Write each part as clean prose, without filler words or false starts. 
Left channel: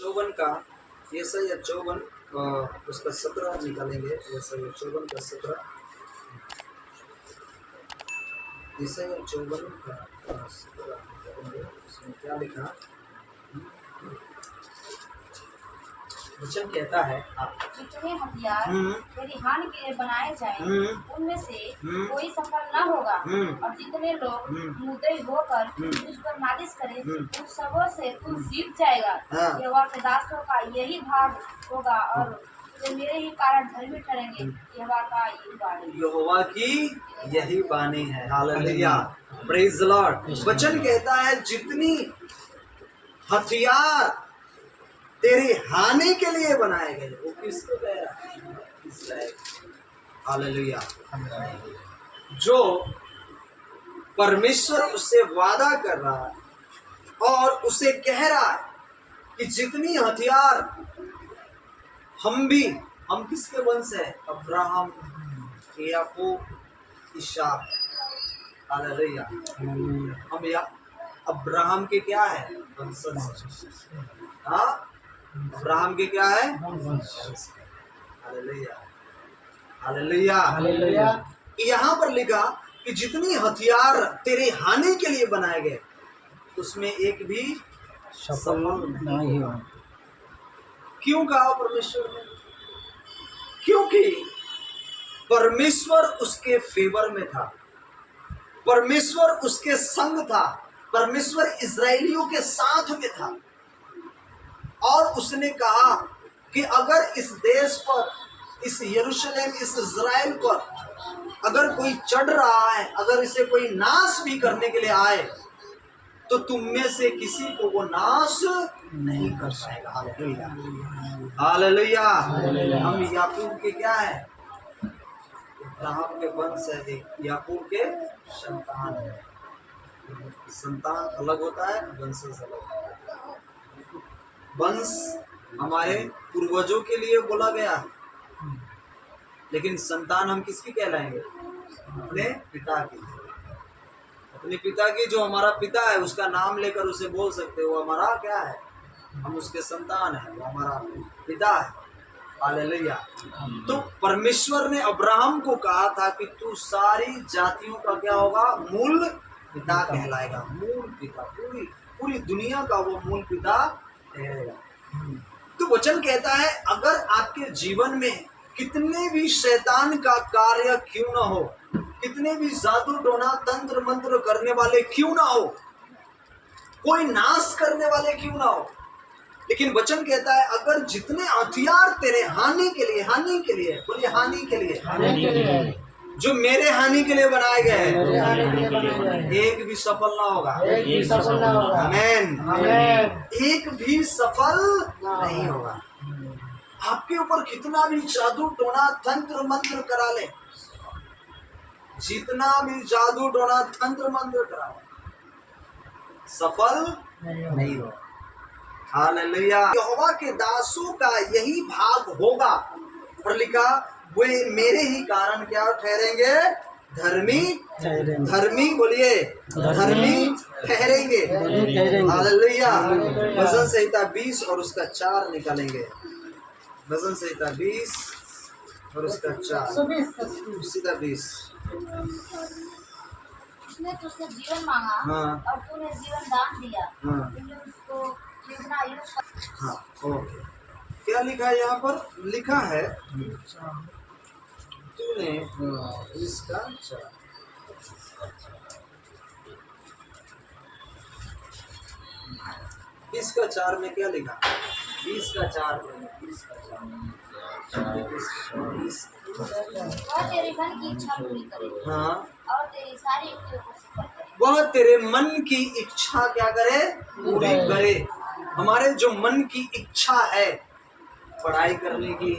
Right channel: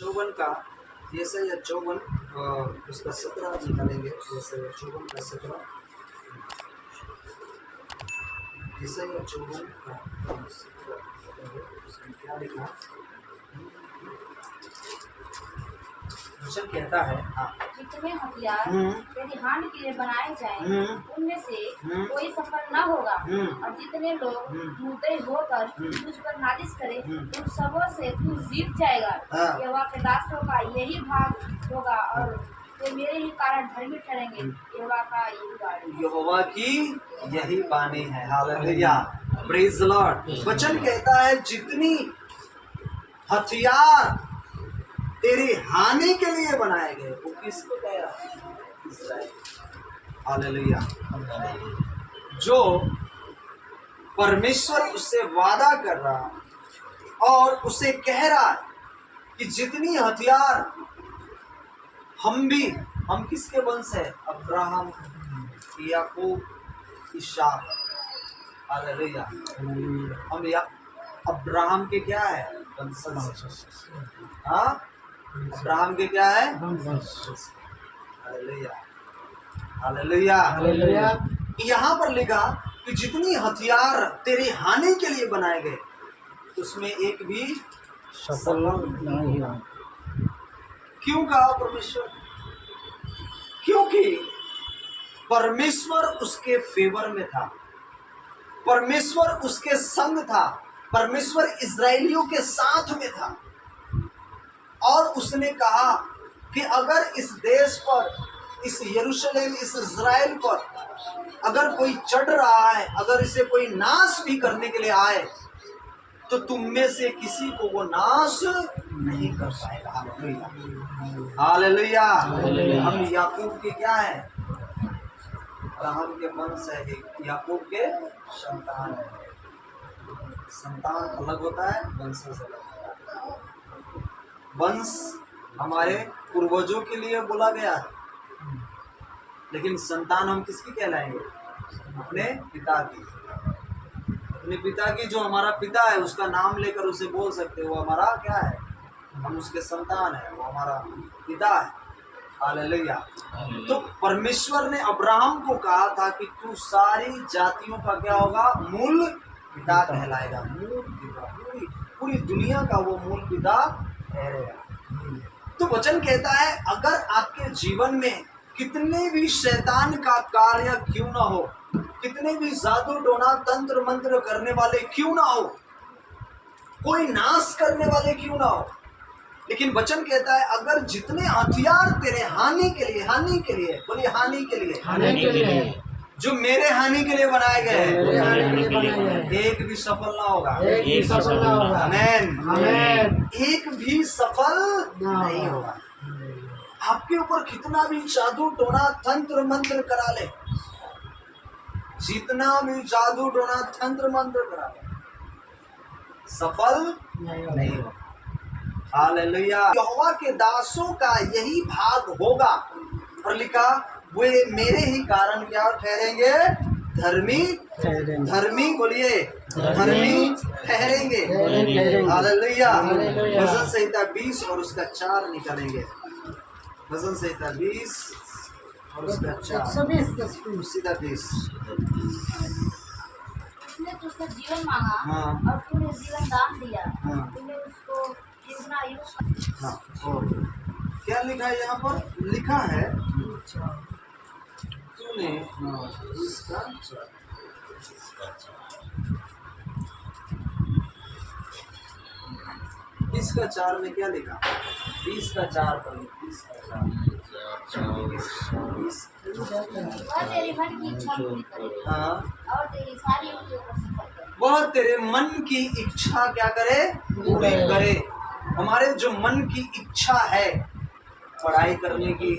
54 का यशायाह 54 उसका 17 निकालेंगे। यशायाह 54 का 17, यशायाह 54 का 17 निकालेंगे। उसमें क्या लिखा? वचन कहता है जितने हथियार तेरी हानि के लिए बनाए जाएं, उनमें से कोई सफल न होगा। और जितने लोग मुद्दई होकर तुझ पर नालिश करें, उन सबों से तू जीत जाएगा। यहोवा के दासों का यही भाग होगा और वे मेरे ही कारण धर्मी ठहरेंगे। यहोवा का यही वाणी, यहोवा की यही बानी है। Hallelujah, praise the Lord. वचन कहता है जितनी हथियार तेरी हानि के लिए बनाए गए, वो किसको कह रहा है? इस्राएल। हालेलुया। जो परमेश्वर उससे वादा कर रहा है और उसे कह रहा है कि जितनी हथियार हम किसके वंश है? अब्राहम, याकूब, इसहाक। हालेलुया। हम अब्राहम के क्या है? वंशज। हाँ, अब्राहम के क्या है? Hallelujah, hallelujah, hallelujah. यहाँ पर लिखा कि जितनी हथियार तेरी हानि के लिए बनाए गए, उसमें एक भी सफल नहीं हुआ। क्यों कहा परमेश्वर ने? क्योंकि परमेश्वर उसके फेवर में था, परमेश्वर उसके संग था, परमेश्वर इस्राएलियों के साथ में था। और उसने कहा कि अगर इस देश पर, इस यरूशलेम, इस इज़राइल पर अगर कोई चढ़ रहा है, अगर इसे कोई नाश भी करने के लिए आए, तो तुम में से किसी को वो नाश नहीं कर पाएगा। Hallelujah, hallelujah. हम याकूब के क्या है? अब्राहम के वंश है, याकूब के संतान है। संतान अलग होता है, वंशज अलग होता है। वंश हमारे पूर्वजों के लिए बोला गया है, लेकिन संतान हम किसकी कहलाएंगे? अपने पिता की। अपने पिता की, जो हमारा पिता है उसका नाम लेकर उसे बोल सकते हो, वो हमारा क्या है? हम उसके संतान है, वो हमारा पिता है। हालेलुया। तो परमेश्वर ने अब्राहम को कहा था कि तू सारी जातियों का क्या होगा? मूल पिता कहलाएगा। मूल पिता, पूरी दुनिया का वो मूल पिता ठहरेगा। तो वचन कहता है अगर आपके जीवन में कितने भी शैतान का कार्य क्यों ना हो, कितने भी जादू टोना तंत्र मंत्र करने वाले क्यों ना हो, कोई नाश करने वाले क्यों ना हो, लेकिन वचन कहता है अगर जितने हथियार तेरे हानि के लिए बोलिए हानि के लिए, जो मेरे हानि के लिए बनाए गए हैं, एक भी सफल ना होगा। आमीन। एक भी सफल नहीं होगा। आपके ऊपर कितना भी जादू टोना तंत्र मंत्र करा ले, जितना भी जादू टोना तंत्र मंत्र करा ले, सफल नहीं होगा। हालेलुया। यहोवा के दासों का यही भाग होगा, और लिखा वे मेरे ही कारण क्या ठहरेंगे? धर्मी बोलिए, धर्मी ठहरेंगे। हालेलुया। भजन संहिता 20 और उसका 4 निकालेंगे। भजन संहिता 20 और उसका 4, सीधा 20। उसने तुझसे जीवन मांगा और तूने जीवन दान दिया। तूने उसको जीवना हाँ, और क्या लिखा है यहाँ पर? लिखा है तूने इसका 4 में क्या लिखा? 20 का 4 पर 20 का 4 तेरे मन की इच्छा पूरी करे। हाँ, और तेरी सारी इच्छाओं को सफल करे। वह तेरे मन की इच्छा क्या करे? पूरी करे। हमारे जो मन की इच्छा है पढ़ाई करने की,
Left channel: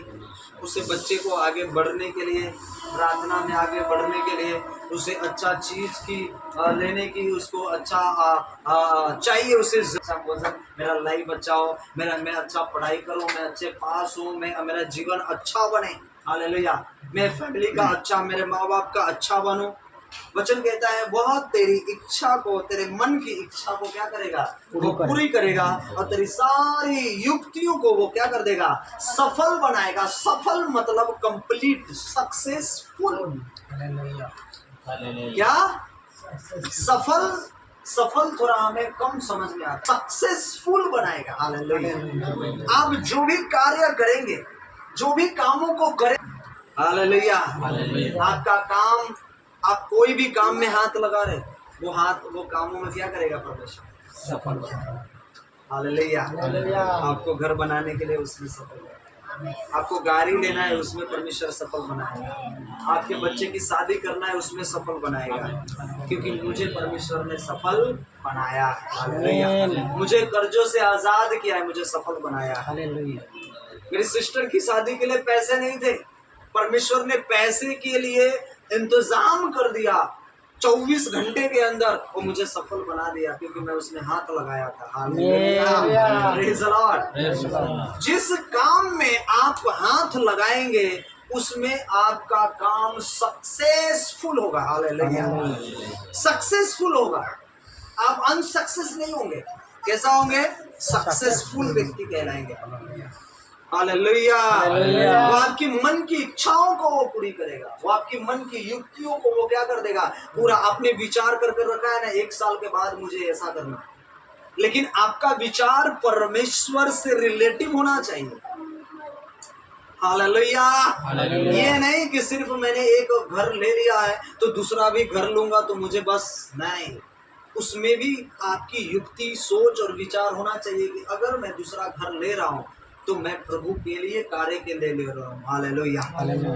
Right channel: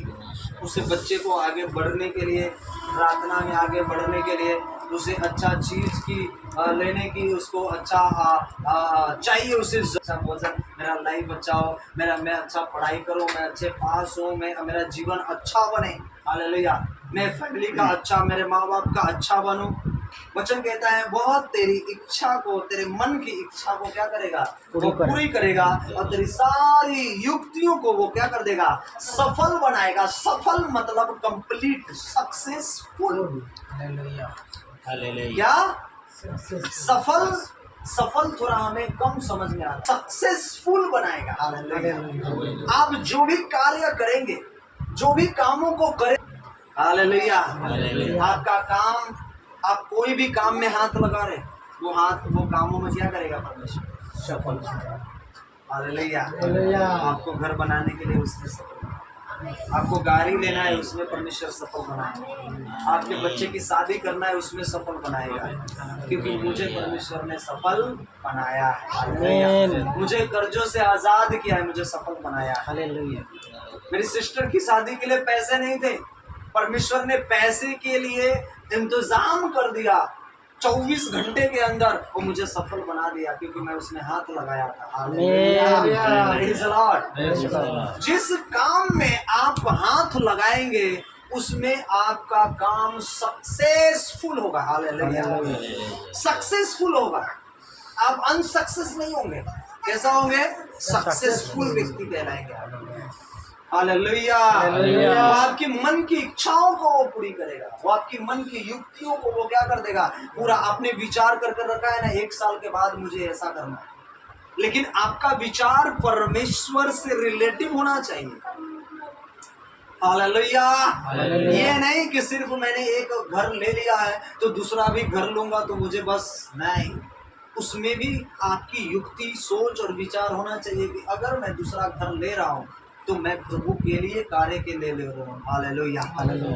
उसे बच्चे को आगे बढ़ने के लिए, प्रार्थना में आगे बढ़ने के लिए, उसे अच्छा चीज की लेने की, उसको अच्छा चाहिए, उसे अच्छा भोजन, मेरा लाइफ अच्छा हो, मैं अच्छा पढ़ाई करूं, मैं अच्छे पास हूं, मेरा जीवन अच्छा बने। हालेलुया। मैं फैमिली का अच्छा, मेरे माँ बाप का अच्छा बनूं। वचन कहता है वह तेरी इच्छा को, तेरे मन की इच्छा को क्या करेगा, वो पूरी करेगा, और तेरी सारी युक्तियों को वो क्या कर देगा, सफल बनाएगा। सफल मतलब कंप्लीट, सक्सेसफुल। क्या सफल, सफल थोड़ा हमें कम समझ में आता, सक्सेसफुल बनाएगा। हालेलुया। आप जो भी कार्य करेंगे, जो भी कामों को करें, हालेलुया, आपका काम, आप कोई भी काम में हाथ लगा रहे, वो हाथ वो कामों में क्या करेगा, परमेश्वर सफल। हालेलुया। आपको घर बनाने के लिए उसमें सफल, आपको गाड़ी लेना है उसमें परमेश्वर सफल बनाएगा, आपके बच्चे की शादी करना है उसमें सफल बनाएगा, क्योंकि मुझे परमेश्वर ने सफल बनाया है। हालेलुया। मुझे कर्जों से आजाद किया है, मुझे सफल बनाया है। हालेलुया। मेरी सिस्टर की शादी के लिए पैसे नहीं थे, परमेश्वर ने पैसे के लिए इंतजाम कर दिया, 24 घंटे के अंदर वो मुझे सफल बना दिया, क्योंकि मैं उसमें हाथ लगाया था। Praise the Lord. जिस काम में आप हाथ लगाएंगे उसमें आपका काम सक्सेसफुल होगा। हालेलुया। सक्सेसफुल होगा, आप अनसक्सेस नहीं होंगे। कैसा होंगे, सक्सेसफुल व्यक्ति कहलाएंगे। हालेलुया। वो आपकी मन की इच्छाओं को वो पूरी करेगा, वो आपकी मन की युक्तियों को वो क्या कर देगा, पूरा। आपने विचार कर रखा है ना, 1 साल के बाद मुझे ऐसा करना है, लेकिन आपका विचार परमेश्वर से रिलेटिव होना चाहिए। हालेलुया। ये नहीं कि सिर्फ मैंने एक घर ले लिया है तो दूसरा भी घर लूंगा तो मुझे बस, नहीं, उसमें भी आपकी युक्ति, सोच और विचार होना चाहिए कि अगर मैं दूसरा घर ले रहा हूँ तो मैं प्रभु के लिए, कार्य के लिए ले रहा हूँ। हालेलुया।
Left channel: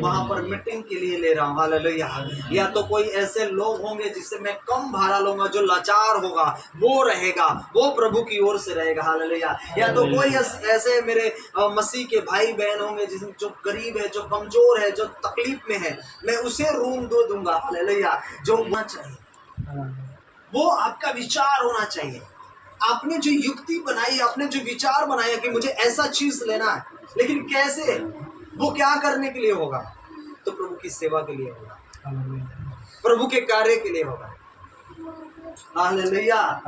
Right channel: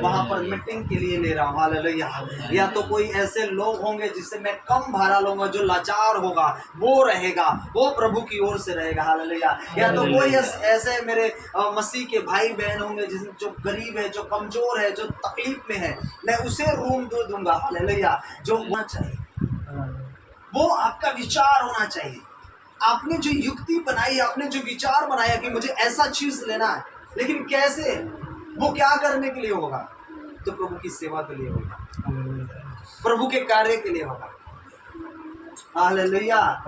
वहां पर मीटिंग के लिए ले रहा हूँ। हालेलुया। या तो कोई ऐसे लोग होंगे जिससे मैं कम भाड़ा लूंगा, जो लाचार होगा वो रहेगा, वो प्रभु की ओर से रहेगा। हालेलुया। या तो कोई ऐसे मेरे मसीह के भाई बहन होंगे जो गरीब है, जो कमजोर है, जो तकलीफ में है, मैं उसे रूम दूंगा। हालेलुया। जो होना चाहिए वो आपका विचार होना चाहिए। आपने जो युक्ति बनाई, आपने जो विचार बनाया कि मुझे ऐसा चीज लेना है, लेकिन कैसे, वो क्या करने के लिए होगा, तो प्रभु की सेवा के लिए होगा, प्रभु के कार्य के लिए होगा। हालेलुया।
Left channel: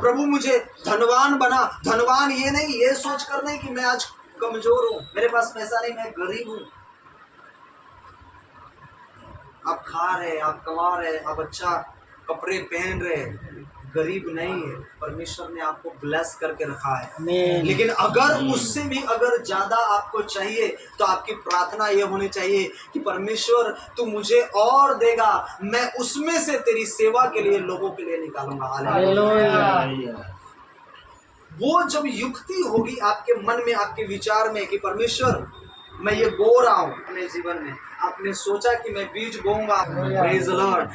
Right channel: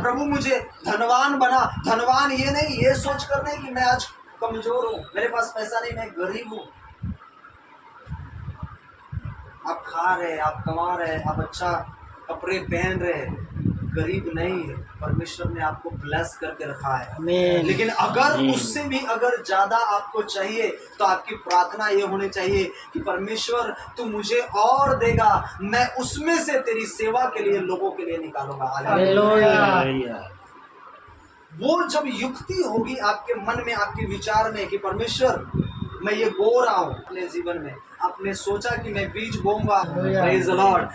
प्रभु मुझे धनवान बना, धनवान ये नहीं, ये सोच कर नहीं कि मैं आज कमजोर हूं, मेरे पास पैसा नहीं, मैं गरीब हूं। आप खा रहे, आप कमा रहे, आप अच्छा कपड़े पहन रहे, गरीब नहीं है, परमेश्वर ने आपको ब्लेस करके रखा है। लेकिन अगर उससे भी अगर ज्यादा आपको चाहिए तो आपकी प्रार्थना ये होनी चाहिए कि परमेश्वर तू मुझे और देगा, मैं उसमें से तेरी सेवा के लिए, लोगों के लिए निकालूंगा। हालेलुया। वो जब युक्ति होगी आपके मन में, आपके विचार में कि परमेश्वर मैं ये बो रहा हूँ अपने जीवन में, आपने सोचा कि मैं बीज बोऊंगा, प्रेज द लॉर्ड,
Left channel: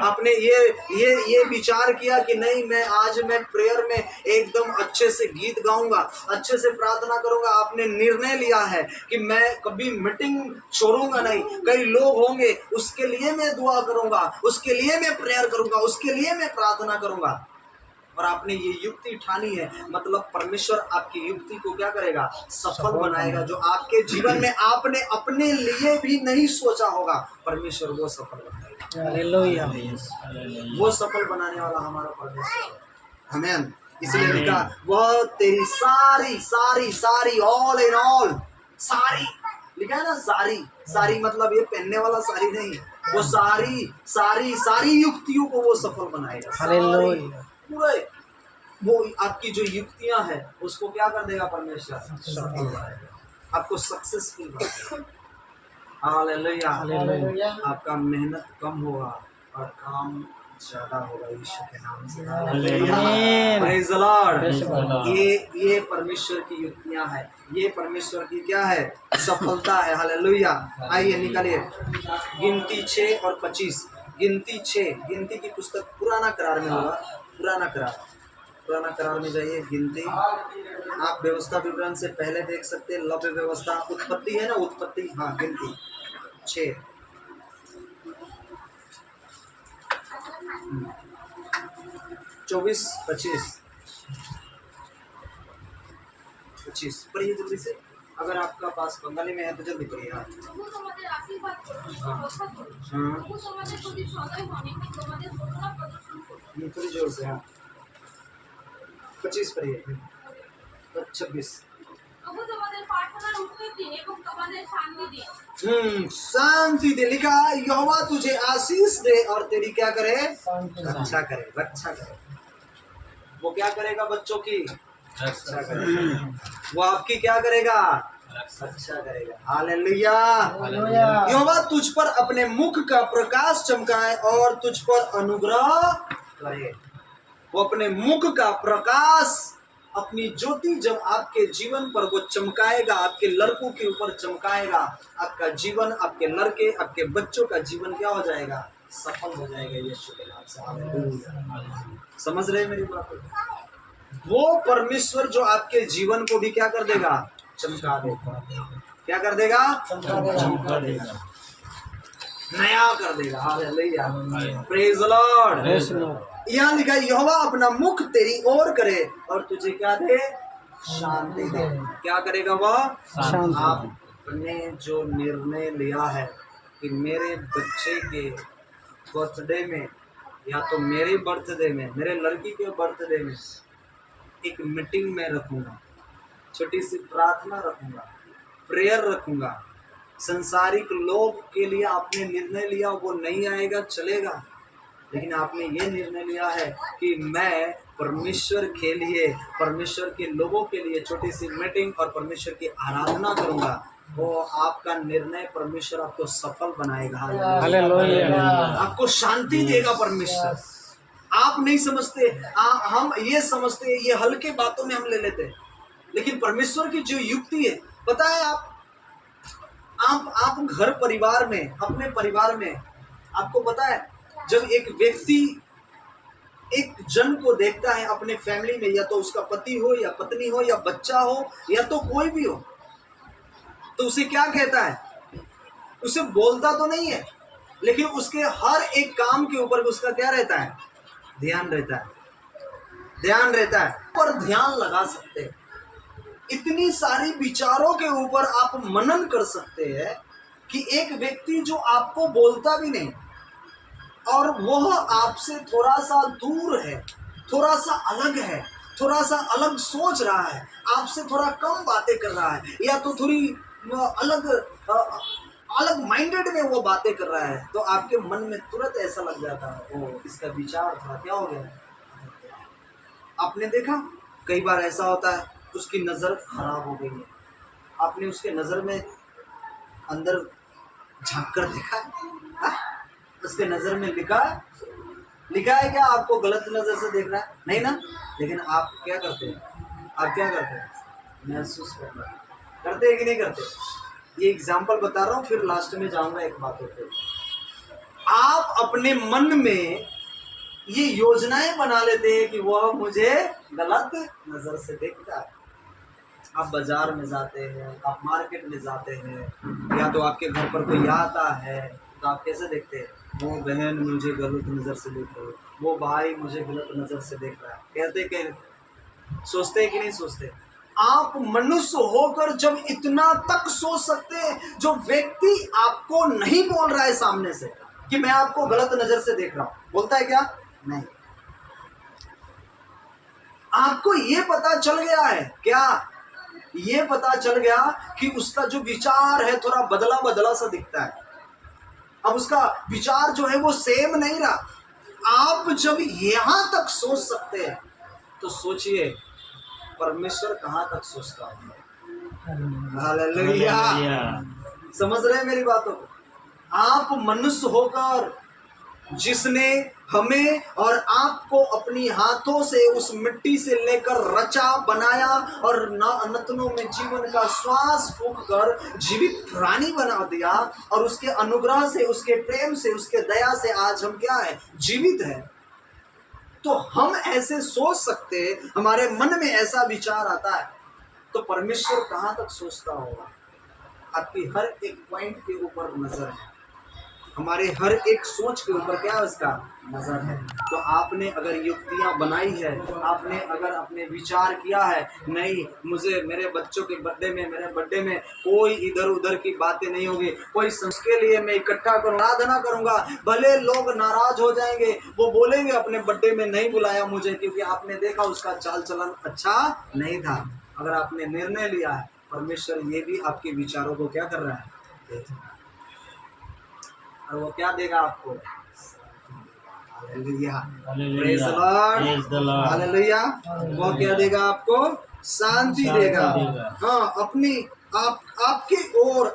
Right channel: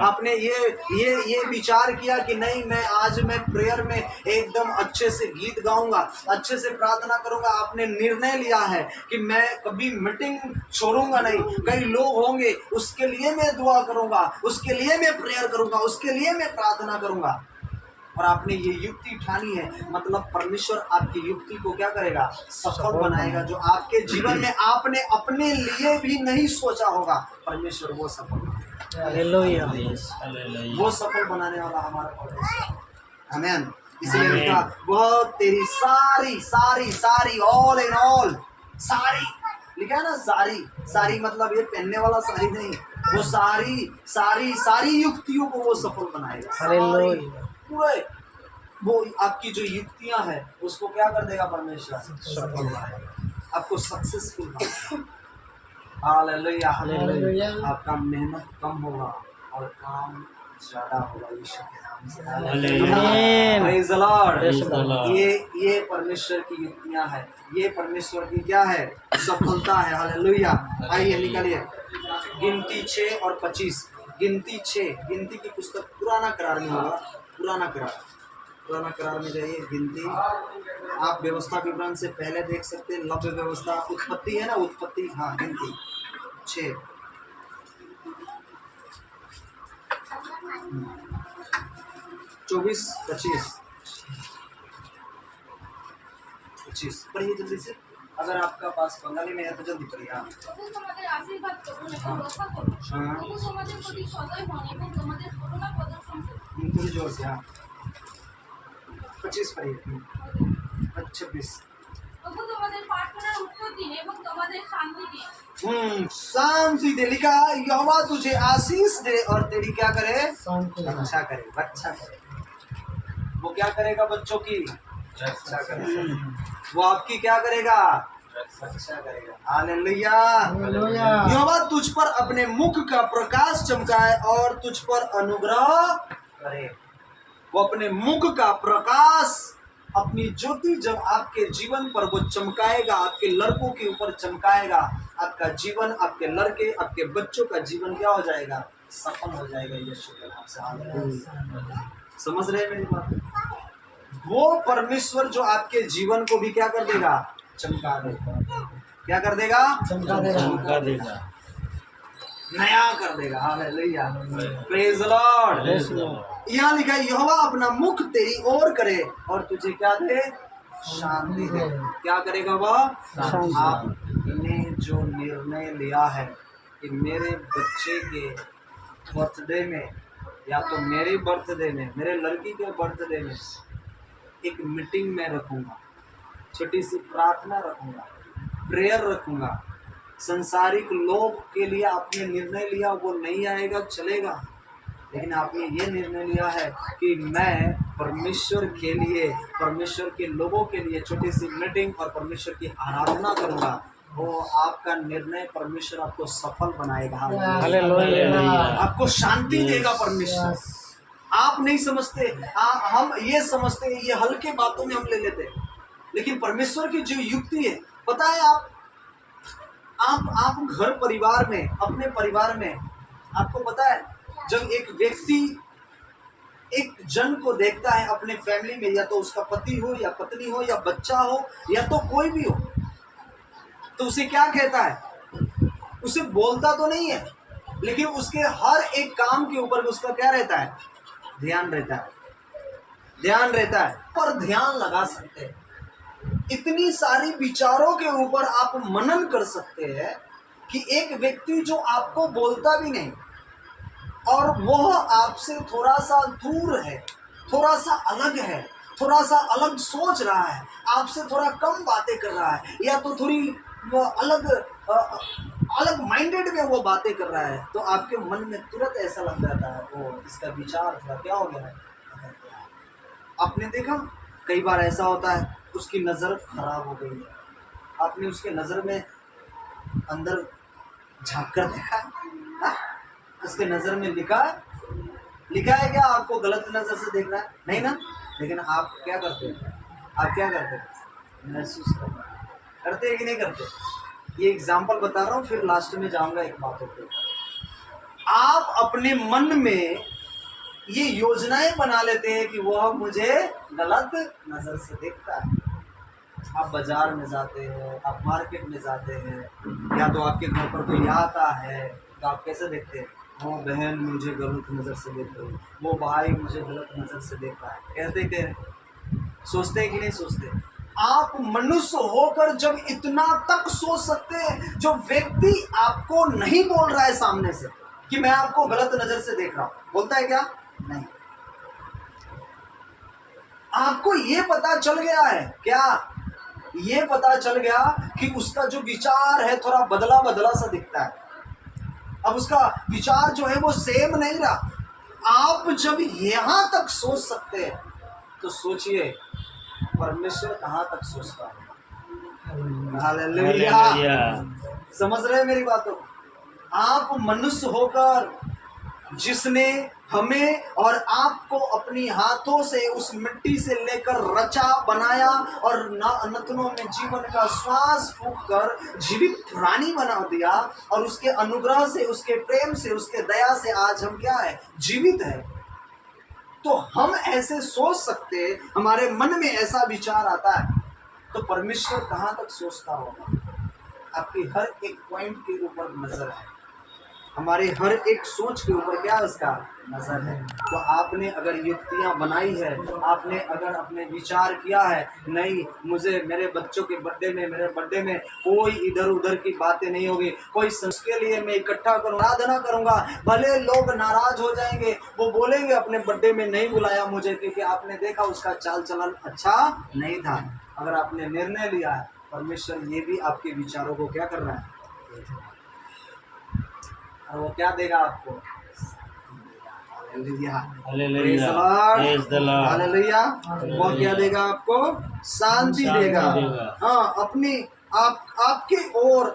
आपने ये विचार किया कि नहीं, मैं आज मैं प्रेयर में एकदम अच्छे से गीत गाऊंगा, अच्छे से प्रार्थना करूंगा, आपने निर्णय लिया है कि मैं कभी मीटिंग छोड़ूंगा नहीं, कई लोग होंगे उसके लिए मैं दुआ करूंगा, उसके लिए मैं प्रेयर करूंगा, उसके लिए मैं प्रार्थना करूंगा, और आपने ये युक्ति ठानी है, मतलब परमेश्वर आपकी युक्ति को क्या करेगा, सफल बनाएगा। जो आपके जीवन में आपने अपने लिए भी नहीं सोचा होगा, परमेश्वर वो सफल बनाएगा। हालेलुया। वो सफल बनाने वाला हमारा परमेश्वर। आमीन। इसलिए लिखा, वह तेरी सारी सारी सारी, ऑल इन ऑल, सारी लिखा है ना, सारी सारी मतलब ये पहनने वाला सारी नहीं, वो सारी सारी सारी युक्तियों को वो सफल बनाएगा। हालेलुया। पूरे वो आपकी जो युक्तियां हैं उसको क्या कर देगा, परमेश्वर सफल बनाएगा, आपको सक्सेसफुल बनाएगा। हालेलुया। हालेलुया। आपका मेहनत कम होगा और काम ज्यादा होगा, यीशु के नाम से। हालेलुया। Praise the Lord. ये परमेश्वर की युक्तियां हैं, ये परमेश्वर की क्या है, सफलता है। हालेलुया। आइए निकालिए गिनती 6 और 25। गिनती 6, गिनती की पुस्तक पुराना करार में होगा, पुराना करार में जाइए। गिनती, आप व्यवस्था विवरण से पहले देख सकते हैं, लव्य व्यवस्था, उत्पत्ति है ना, उत्पत्ति, हाँ, गिनती 6, 24, 25 पढ़िए जल्दी से। अगर आपका पास बंगाली में है तो जल्दी पढ़िए। हाँ, রক্ষা করুন। প্রভু তোমাদের প্রতি সদয় হন এবং তোমাদের করুণা প্রদর্শন করুন। थोड़ी जोर से, हाँ 25 पढ़िए। 26। প্রভু তোমাদের প্রার্থনার উত্তর দিন এবং তোমাদের শান্তি দিন। शांति दे। लिखा यहोवा तुझे आशीष दे और तेरी क्या करे, रक्षा करे, रक्षा करे। वो क्या करेगा बच्चों की रक्षा करेगा। वो आपकी क्या करेगा, रक्षा करेगा। हालेलुया। यहोवा तुझ पर अपने मुख का प्रकाश चमकाए और तुझ पर अनुग्रह करे। वो अपने मुख का प्रकाश, अपनी ज्योति जब आपके जीवन पर वो चमकाएगा, आपके लड़कों के ऊपर चमकाएगा, आपका जीवन, आपके लड़के, आपके बच्चों का जीवन क्या हो जाएगा, सफल हो जाएगा यीशु के नाम से। हालेलुया। समझ रहे हैं मेरी बात? वो परमेश्वर जो आपके जीवन को भी क्या कर देगा, चमका देगा। क्या कर देगा, चमका देगा, नया कर देगा। Hallelujah, praise the Lord. यहाँ लिखा है यहोवा अपना मुख तेरी ओर करे और तुझे क्या दे, शांति दे। क्या करेगा वह, आपने जो निर्णय लिया है कि मेरे बच्चे के बर्थडे में या तो मेरे बर्थडे में, मेरे लड़की के बर्थडे में एक मीटिंग में रखूंगा, छोटी सी प्रार्थना रखूंगा, प्रेयर रखूंगा। संसारिक लोग के लिए आपने निर्णय लिया, वो नहीं आएगा चलेगा, लेकिन आपने ये निर्णय लिया है कि मैं परमेश्वर के लिए, परमेश्वर के लोगों के लिए छोटी सी मीटिंग और परमेश्वर की आराधना करूंगा। वो आपका निर्णय परमेश्वर आपको सफल बनाएगा। हालेलुया। आपको शांति देगा परमेश्वर। आप नहीं समझते, हम ये समझते, ये हल्के बातों में हम ले लेते, लेकिन परमेश्वर की जो युक्ति है, पता है आप घर परिवार में, अपने परिवार में, आपको पता है जब एक व्यक्ति एक जन को देखता है अपने फैमिली में, या तो उसका पति हो या पत्नी हो या बच्चा हो या तो कोई भी हो, तो उसे क्या कहता है, उसे बोलता तो नहीं है, लेकिन उसके हर एक काम के ऊपर उसका क्या रहता है, ध्यान रहता है, ध्यान रहता है। पर ध्यान लगा सकते हैं, इतनी सारी विचारों के ऊपर आप मनन कर सकते हैं कि एक व्यक्ति जो आपको बोलता भी नहीं और वह आपसे थोड़ा सा दूर है, थोड़ा सा अलग है, थोड़ा सा अलग सोच रहा है, आपसे थोड़ा कम बातें कर रहा है, या तो थोड़ी अलग माइंडेड में वो बातें कर रहा है, तो आपके मन में तुरंत ऐसा लग जाता है वो इसका विचार थोड़ा क्या हो गया है। आपने देखा कई बार ऐसा होता है, उसकी नज़र खराब हो गई है, आपने उसके नज़र में अंदर झांक कर देखा है, उसके नज़र में लिखा है क्या आपको गलत नज़र से देख रहा है, नहीं ना, लेकिन आप क्या करते हैं, आप क्या करते हैं, महसूस करते हैं कि नहीं करते। ये एग्जाम्पल बता रहा हूँ, फिर लास्ट में जाऊंगा एक बातों पे। आप अपने मन में ये योजनाएं बना लेते हैं कि वह मुझे गलत नज़र से देखता है। आप बाजार में जाते हैं, आप मार्केट में जाते हैं, या तो आपके घर पर कोई आता है, तो आप कैसे देखते हैं, वो बहन मुझे गलत नज़र से देख रही है, वो भाई मुझे गलत नज़र से देख रहा है, कहते सोचते हैं कि नहीं सोचते। आप मनुष्य होकर जब इतना तक सोच सकते हैं, जो व्यक्ति आपको नहीं बोल रहा है सामने से कि मैं आपको गलत नज़र से देख रहा हूँ, बोलता है क्या, नहीं, आपको ये पता चल गया है क्या, ये पता चल गया कि उसका जो विचार है थोड़ा बदला बदला सा दिखता है, अब उसका विचार जो है वो सेम नहीं रहा। आप जब यहां तक सोच सकते हैं तो सोचिए परमेश्वर कहां तक सोचता होगा। हालेलुया। समझ रहे हैं मेरी बातों को। आप मनुष्य होकर जिसने हमें और आपको अपनी हाथों से उस मिट्टी से लेकर रचा बनाया और नथनों में जीवन का श्वास फूंक कर जीवित प्राणी बना दिया, और उसके अनुग्रह से, उसके प्रेम से, उसके दया से आज हम क्या है, जीवित है। तो हम ऐसे सोच सकते, हमारे मन में ऐसा विचार आता है, तो परमेश्वर कहाँ तक सोचता होगा। आपकी हर एक पॉइंट के ऊपर नजर है, हमारे हर एक सोच के ऊपर क्या है उसका नजर है। तो आपने अगर युक्तियां बनाई है, आपने अगर अपने विचार किया है, नहीं मुझे मेरे बच्चों के बर्थडे में, मेरे बर्थडे में कोई इधर उधर की बातें नहीं होगी, कोई के लिए मैं इकट्ठा करूंगा, आराधना करूंगा, भले लोग नाराज हो जाएंगे, वो बोलेंगे अपने बर्थडे में नहीं बुलाया मुझे क्योंकि आपने देखा उसका चाल चलन अच्छा नहीं था। अगर आपने निर्णय लिया है, परमेश्वर ये भी आपके विचारों को क्या कर रहा है, और वो क्या देगा आपको, hallelujah, praise the Lord, hallelujah. वो क्या देगा आपको, शांति देगा। हाँ, अपनी आपकी ओर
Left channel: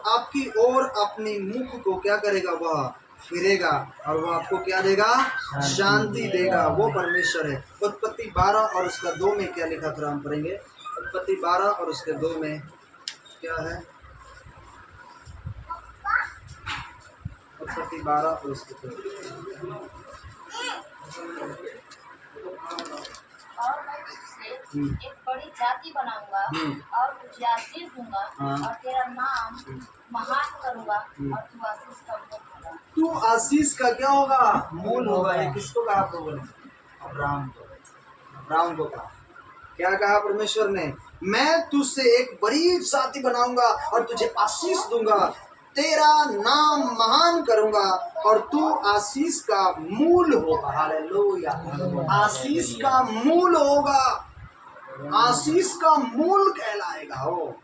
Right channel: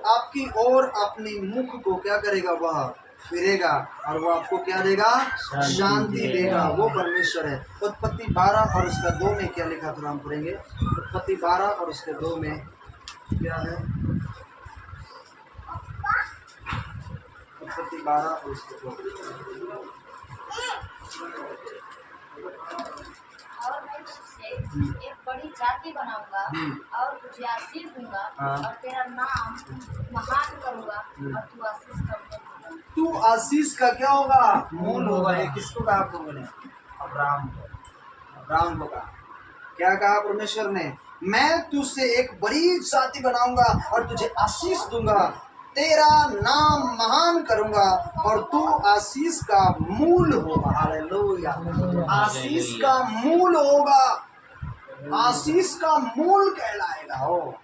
अपनी मुख को क्या करेगा, वह फिरेगा और वो आपको क्या देगा, शांति देगा। वो परमेश्वर है। उत्पत्ति 12 और उसका 2 में क्या लिखा था, हम पढ़ेंगे। उत्पत्ति 12 और उसके 2 में क्या है, उत्पत्ति 12 और उसके 2। और मैं तुझसे एक बड़ी जाति बनाऊंगा और तुझे आशीष दूंगा और तेरा नाम महान करूंगा और तू आशीष का मूल होगा। तू आशीष का क्या होगा, मूल होगा। ये किसको कहा आप लोगों ने, अब्राहम को। अब्राहम को कहा, क्या कहा परमेश्वर ने, मैं तुझसे एक बड़ी जाति बनाऊंगा और तुझे आशीष दूंगा, तेरा नाम महान करूंगा और तू आशीष का मूल होगा। हालेलुया, आशीष का मूल होगा, आशीष का मूल कहलाएगा। हो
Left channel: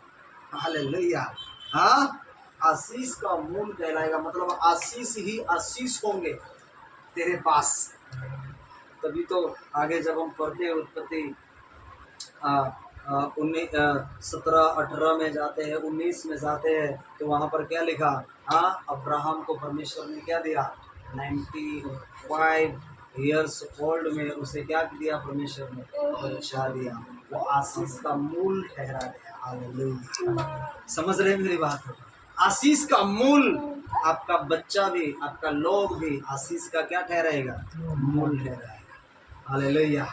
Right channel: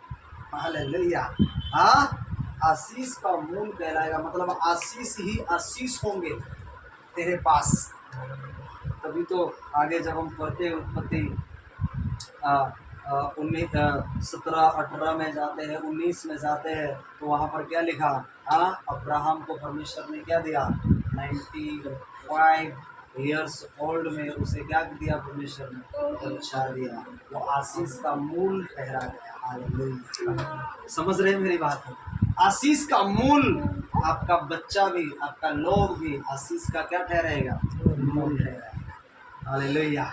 हालेलुया, हाँ, आशीष का मूल कहलाएगा, मतलब आशीष ही आशीष होंगे तेरे पास। तभी तो आगे जब हम पढ़ते हैं उत्पत्ति 17-18 में जाते हैं, 19 में जाते हैं, तो वहाँ पर क्या लिखा, हाँ, अब्राहम को परमेश्वर ने क्या दिया, 95 ईयर्स ओल्ड में उसे क्या दिया परमेश्वर ने, बच्चा दिया। वो आशीष का मूल ठहरा गया। हालेलुया, समझ रहे हैं मेरी बात, आशीष का मूल। आपका बच्चा भी, आपका लोग भी आशीष का क्या ठहराएगा, मूल ठहराएगा। हालेलुया।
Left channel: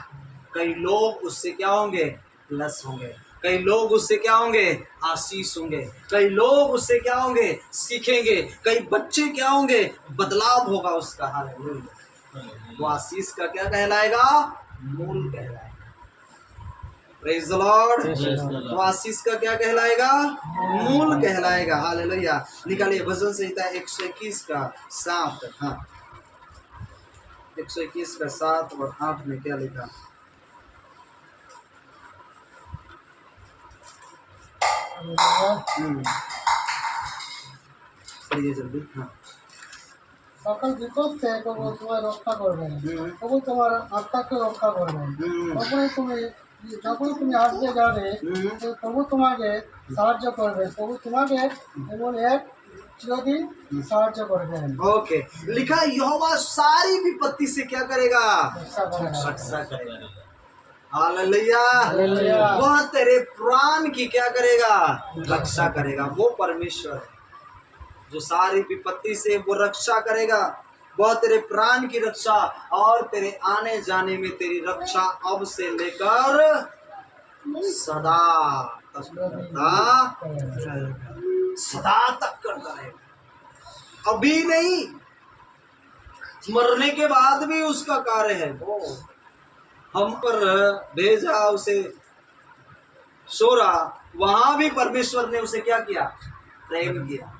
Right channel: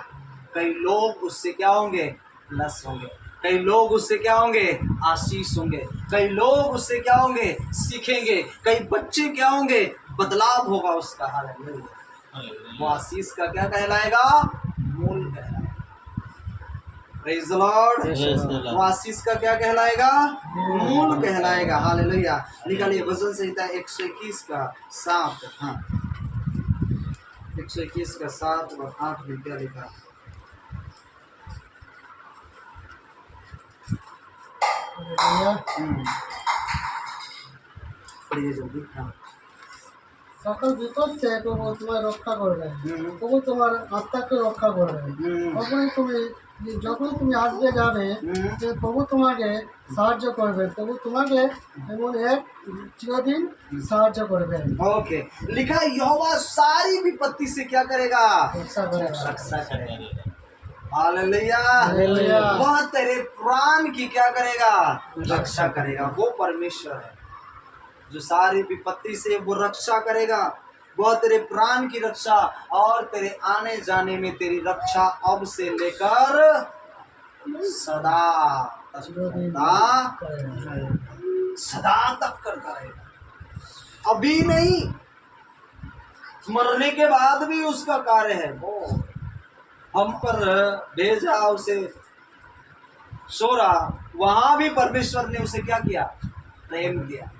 कई लोग उससे क्या होंगे, प्लस होंगे, कई लोग उससे क्या होंगे, आशीष होंगे, कई लोग उससे क्या होंगे, सीखेंगे, कई बच्चे क्या होंगे, बदलाव होगा उसका। हालेलुया, वो आशीष का क्या कहलाएगा, मूल कहलाएगा। प्रेज़ द लॉर्ड, वो आशीष का क्या कहलाएगा, मूल कहलाएगा। हालेलुया। निकालिए भजन संहिता 121 का 7, हाँ, 121 का 7 और 8 में क्या लिखा, पढ़िए जल्दी। हाँ, সকল বিপদ থেকে প্রভু তোমার রক্ষা করবেন, প্রভু তোমার আত্মাকে রক্ষা করবেন। যখন তুমি আসবে যাবে, প্রভু তোমাকে সাহায্য করবেন, প্রভু তোমাকে এমন এক চিরদিন সাহায্য করবেন। ओके, लिखा यहोवा सारी विपत्ति से क्या करेगा, रक्षा करेगा। रक्षा करेगा। Hallelujah, hallelujah. वह तेरे प्राण की क्या करेगा, रक्षा करेगा। वो परमेश्वर है जो सारी विपत्ति से वो रक्षा करेगा। वह तेरे प्राण की रक्षा और तेरे आने जाने में तेरी रक्षा अब से लेकर सदा सदा तक करता रहेगा। अभी नहीं, मरने के बाद भी उसका कार्य है। वो हम पर भेजा उसे शोरा, वहां भी परमेश्वर ने उसे क्या किया, प्रेम किया,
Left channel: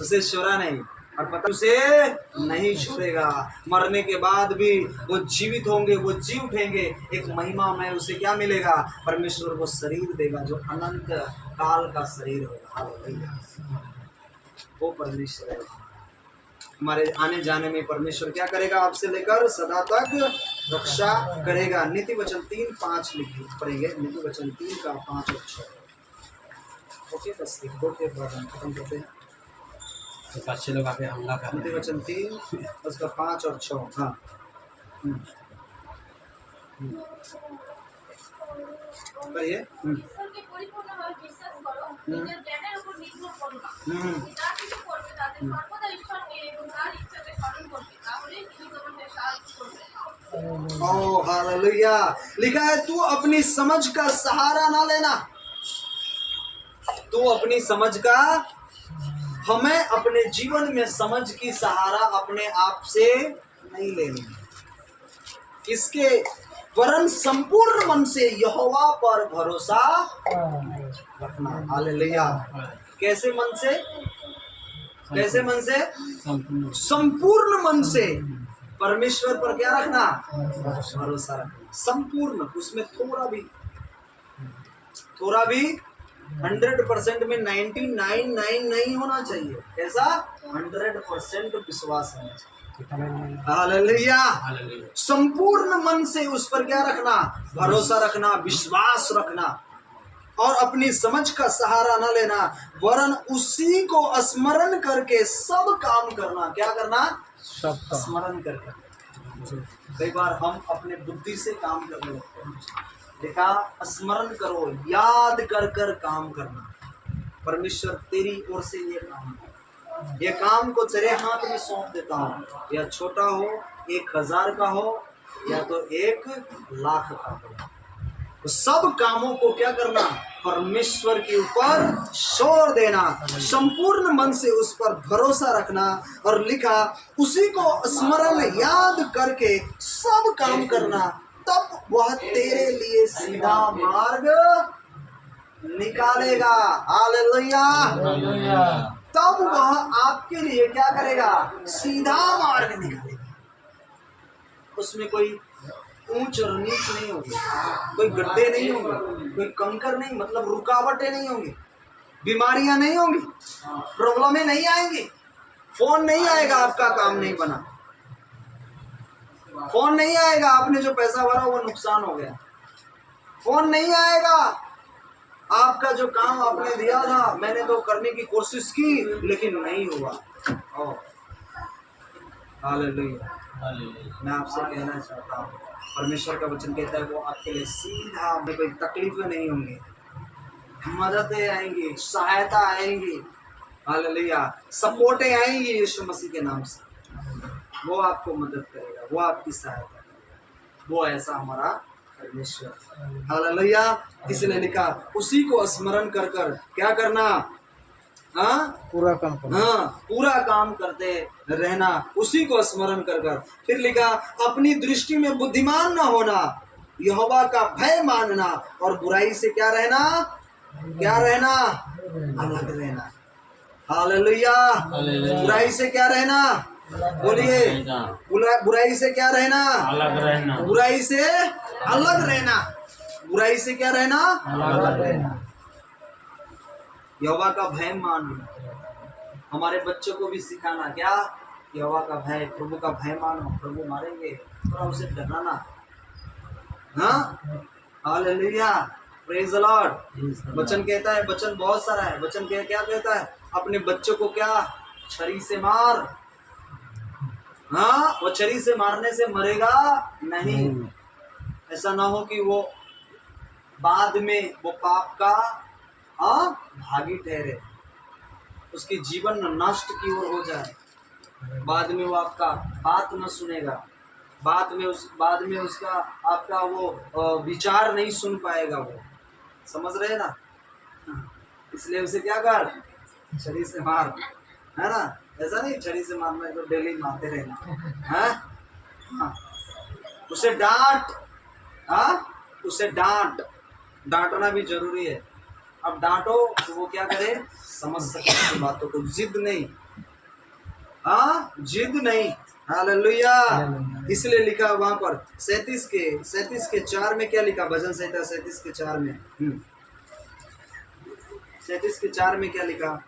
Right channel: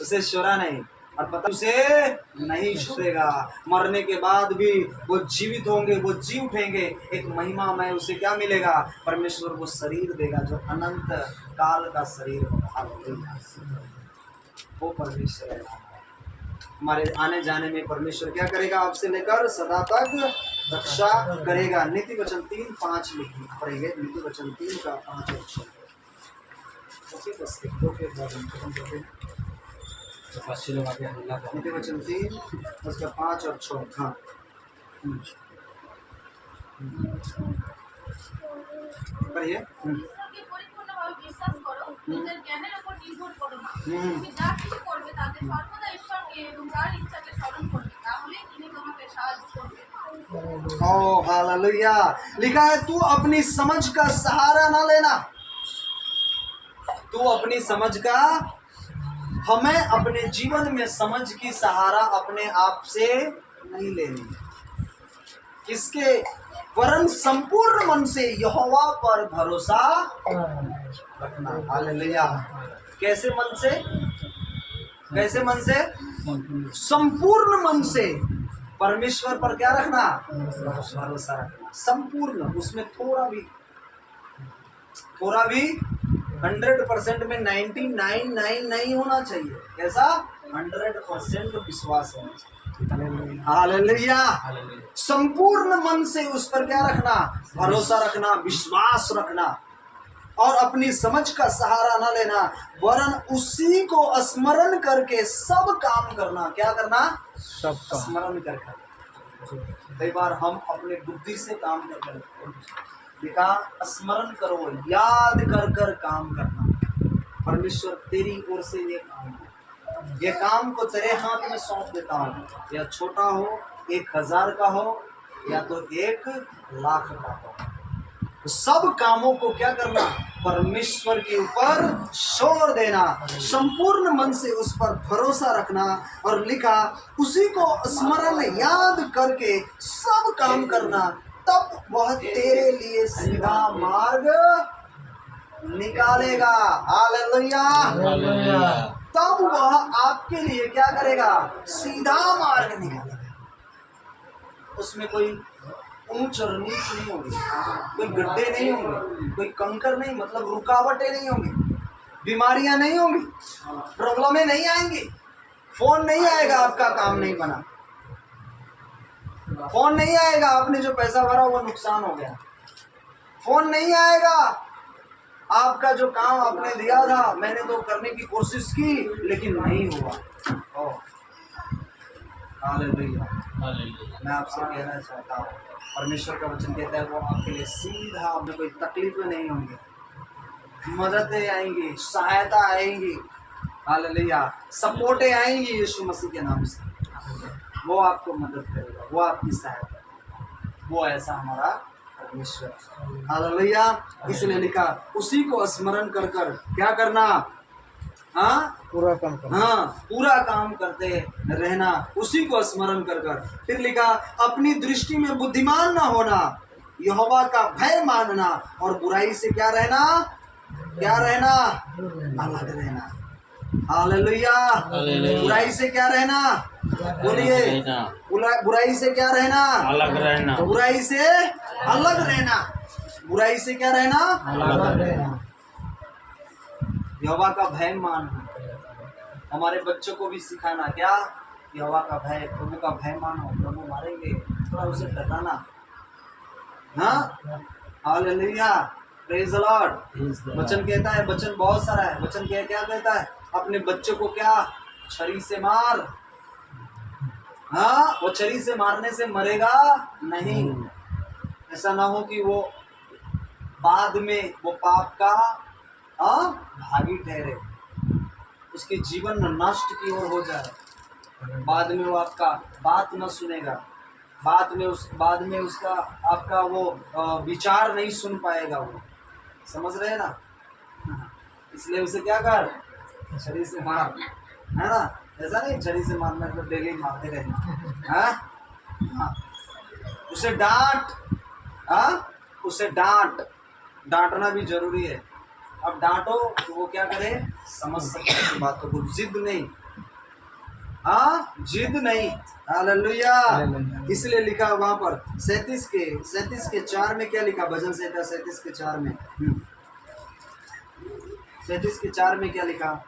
उसे शोरा नहीं, और पता उसे नहीं छोड़ेगा। मरने के बाद भी वो जीवित होंगे, वो जी उठेंगे, एक महिमा में उसे क्या मिलेगा, परमेश्वर वो शरीर देगा जो अनंत काल का शरीर होगा। हालेलुया, वो परमेश्वर है। हमारे आने जाने में परमेश्वर क्या करेगा, आपसे लेकर सदा तक रक्षा करेगा। नीति वचन 3:5 लिखिए, पढ़ेंगे नीति वचन 3 का 5 और 6। ओके, बस एक दो के बाद हम खत्म करते हैं। तो 5 लोग आके हमला कर, नीति वचन 3 उसका 5 और 6। हाँ, पढ़िए। ঈশ্বরকে পরিপূর্ণভাবে বিশ্বাস করো, নিজের জ্ঞানের উপর নির্ভর করো না। তুমি যা কিছু করবে তাতে সর্বদা ঈশ্বরকে এবং তার ইচ্ছাকে স্মরণ করবে, তাহলেই তিনি তোমাকে সাহায্য করবেন। ओ हालेलुया, लिखा है तू अपनी समझ का सहारा ना लेना, तू अपनी समझ का हमें अपने जीवन में समझ की सहारा अपने आप से नहीं लेनी, इसके वरन संपूर्ण मन से यहोवा पर भरोसा रखना। हालेलुया। कैसे मन से? कैसे मन से? संपूर्ण मन से परमेश्वर पर क्या रखना? भरोसा रखना। संपूर्ण, उसमें थोड़ा भी 100% में 99.9 नहीं होना चाहिए। कैसा? 100% विश्वास होना चाहिए। हालेलुया। संपूर्ण मन से उस पर क्या रखना? भरोसा रखना, विश्वास रखना, और अपनी समझ का सहारा न लेना, वरन उसी को स्मरण करके सब काम करना। क्या करना? सबका स्मरण करके। कई बार हम अपने बुद्धि से काम करने लगते हैं। देखा, स्मरण करो, याद कर कर काम करना। परमेश्वर तेरी ओर से ये काम है, ये काम को तेरे हाथ में सौंप देता हूँ, या छोटा हो, 1000 का हो, या तो 1,00,000 का हो, तो सब कामों को क्या करना? परमेश्वर के ऊपर छोड़ देना, संपूर्ण मन से उस पर भरोसा रखना। और लिखा, उसी को स्मरण याद करके सब काम करना, तब वह तेरे लिए सीधा मार्ग निकालेगा। हालेलुया। तब वह आपके लिए क्या करेगा? सीधा मार्ग निकालेगा। उसमें कोई ऊंच और नीच नहीं होगी, कोई गड्ढे नहीं होंगे, कोई कंकर नहीं, मतलब रुकावटें नहीं होंगी, बीमारियां नहीं होंगी, प्रॉब्लमें नहीं आएंगी, फोन नहीं आएगा आपका काम नहीं बना, फोन नहीं आएगा आपने जो पैसा भरा वो नुकसान हो गया, फोन नहीं आएगा आपका जो काम आपने दिया था, मैंने तो करने की कोशिश की लेकिन नहीं हुआ। हालेलुया। मैं आपसे कहना चाहता हूँ, परमेश्वर का वचन कहता है वो आपके लिए सीधा, में कोई तकलीफें नहीं होंगी, मददें आएंगी, सहायता आएंगी। हालेलुया। सपोर्टें आएंगी यीशु मसीह के नाम से। वो आपको मदद करेगा, वो आपकी सहायता करेगा, वो ऐसा हमारा परमेश्वर। हालेलुया। इसलिए लिखा, उसी को स्मरण कर कर क्या करना? पूरा काम करना। पूरा काम करते रहना, उसी को स्मरण कर कर। फिर लिखा, अपनी दृष्टि में बुद्धिमान न होना, यहोवा का भय मानना, और बुराई से क्या रहना? क्या रहना? अलग रहना। हालेलुया। बुराई से क्या रहना? बोलिए, बुराई से क्या रहना? अलग रहना। बुराई से अलग रहना। बुराई से क्या रहना? अलग रहना। यहोवा का भय मानना। हमारे बच्चों को भी सिखाना, क्या? यहोवा का भय, प्रभु का भय मानो, प्रभु मारेंगे, थोड़ा उसे डराना। हाँ, हालेलुया, प्रेज द लॉर्ड। वचन कहता है, वचन बहुत सारा है, वचन क्या कहता है? अपने बच्चों को क्या? छरी से मार। हाँ, वो छरी से मारने से मरेगा नहीं। ऐसा ना हो कि वो बाद में वो पाप का भागी ठहरे, उसकी जीवन नष्ट की ओर हो जाए, बाद में वो आपका बात न सुनेगा, बाद में उसका आपका वो विचार नहीं सुन पाएगा। वो समझ रहे हैं ना? इसलिए उसे क्या कर? छरी से मार, है ना? ऐसा नहीं छरी से मारना तो डेली मारते रहना। हाँ, उसे डांट, उसे डांटना भी जरूरी है। अब डांटो तो वो क्या करे? समझ सके की बातों को, जिद नहीं। जिद नहीं। हालेलुया। इसलिए लिखा वहां पर 37 के 4 में क्या लिखा? भजन संहिता 37 के 4 में 37 के 4 में क्या लिखा?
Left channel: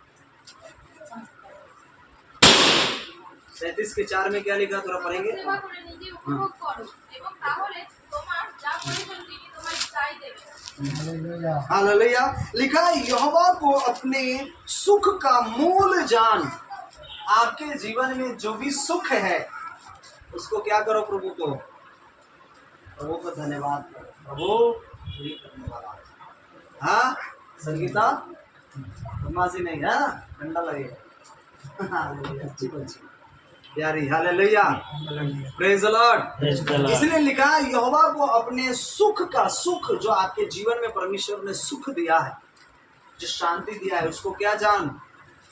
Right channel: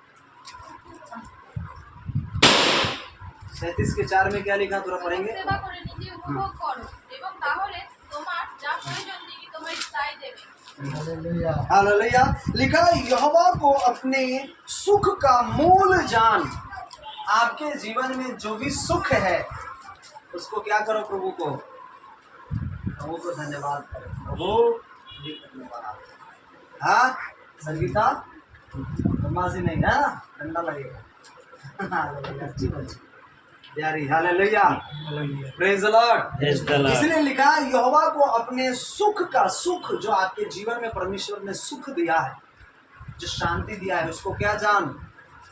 37 के 4 में क्या लिखा? थोड़ा पढ़ेंगे। हालेलुया। लिखा, यहोवा को अपने सुख का मूल जान। आपके जीवन में जो भी सुख है उसको क्या करो? प्रभु को धन्यवाद करो। प्रभु पूरी करने वाला। हाँ, संगीता मासी नहीं है, ठंडा लगेगा। हालेलुया, अच्छी बच्ची प्यारी। Hallelujah, praise the Lord. इसलिए लिखा, यहोवा को अपने सुख का, सुख जो आपके जीवन में परमेश्वर ने सुख दिया है, जो शांति दिया है, उसको क्या जान?